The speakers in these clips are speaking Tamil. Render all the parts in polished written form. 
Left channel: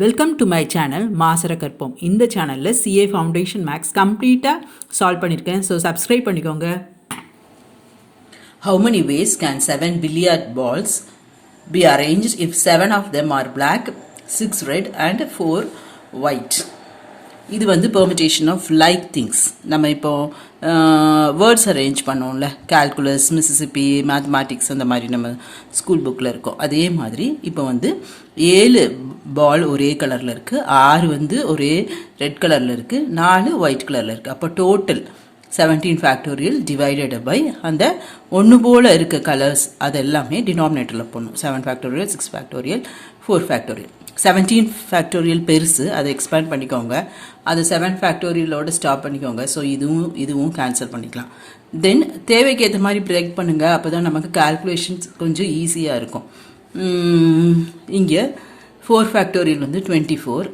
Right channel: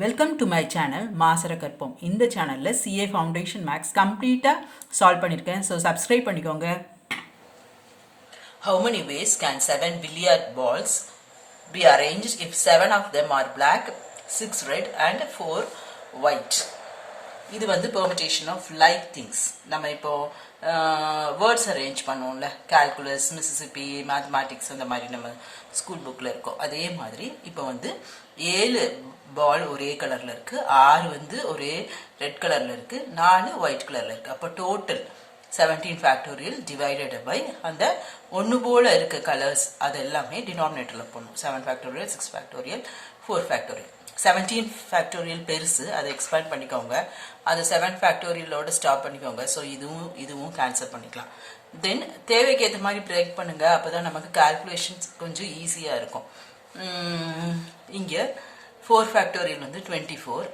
வெல்கம் டு மை சேனல் மாசரகற்போம். இந்த சேனலில் சிஏ ஃபவுண்டேஷன் மேக்ஸ் கம்ப்ளீட்டாக சால்வ் பண்ணியிருக்கேன். ஸோ சப்ஸ்கிரைப் பண்ணிக்கோங்க. How many ways can 7 billiard balls be arranged if 7 of them are black, 6 red and 4 white? இது வந்து permutation of like things. நம்ம இப்போ வேர்ட்ஸ் அரேஞ்ச் பண்ணோம்ல, கால்குலஸ், மிசிசிப்பி, மேத்தமேட்டிக்ஸ் அந்த மாதிரி நம்ம ஸ்கூல் புக்கில் இருக்கோம். அதே மாதிரி இப்போ வந்து 7 பால் ஒரே கலரில் இருக்குது, 6 வந்து ஒரே ரெட் கலரில் இருக்குது, 4 ஒயிட் கலரில் இருக்குது. அப்போ டோட்டல் 17 ஃபேக்டோரியல் டிவைடட் பை அந்த ஒன்று போல் இருக்க கலர்ஸ் அது எல்லாமே டினாமினேட்டரில் போடணும். 7 ஃபேக்டோரியல், 6 ஃபேக்டோரியல், 4 ஃபேக்டோரியல். 17 ஃபேக்டோரியல் பெருசு, அதை எக்ஸ்பேண்ட் பண்ணிக்கோங்க. அது 7 ஃபேக்டோரியலோடு ஸ்டாப் பண்ணிக்கோங்க. ஸோ இதுவும் கேன்சல் பண்ணிக்கலாம். தென் தேவைக்கு ஏற்ற மாதிரி பிரேக் பண்ணுங்கள். அப்போ தான் நமக்கு கால்குலேஷன்ஸ் கொஞ்சம் ஈஸியாக இருக்கும். இங்கே 4 ஃபேக்டோரியல் வந்து 24,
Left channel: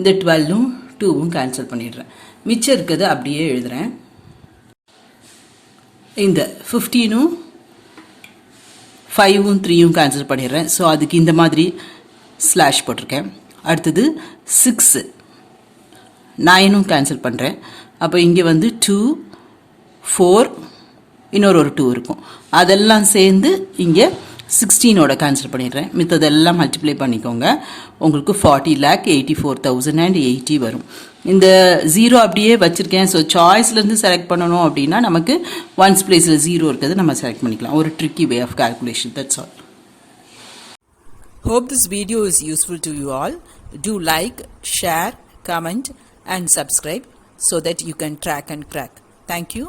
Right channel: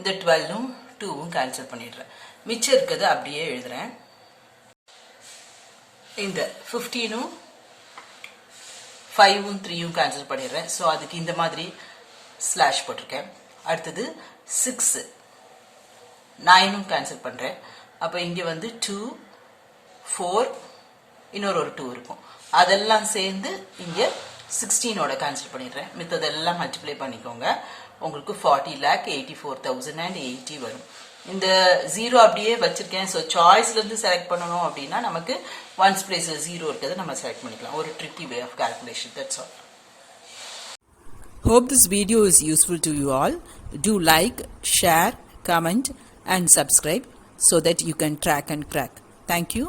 இந்த 12ம் 2வும் கேன்சல் பண்ணிடுறேன். மிச்சம் இருக்கிறது அப்படியே எழுதுகிறேன். இந்த 15ம் 5ம் 3யும் கேன்சல் பண்ணிடுறேன். ஸோ அதுக்கு இந்த மாதிரி ஸ்லாஷ் போட்டிருக்கேன். அடுத்தது 6, 9ம் கேன்சல் பண்ணுறேன். அப்போ இங்கே வந்து 2, 4, இன்னொரு 2 இருக்கும். அதெல்லாம் சேர்ந்து இங்கே 16ஓட கேன்சல் பண்ணிடுறேன். மித்ததெல்லாம் மல்டிப்ளை பண்ணிக்கோங்க. உங்களுக்கு 40,84,080 வரும். இந்த 0 அப்படியே வச்சுருக்கேன். ஸோ சாய்ஸ்லேருந்து செலக்ட் பண்ணணும் அப்படின்னா நமக்கு ஒன்ஸ் பிளேஸில் 0 இருக்கிறது நம்ம செலக்ட் பண்ணிக்கலாம். ஒரு tricky way of calculation. That's all. Hope this video is useful to you all. Do like, share, comment and subscribe so that you can track and crack. Thank you.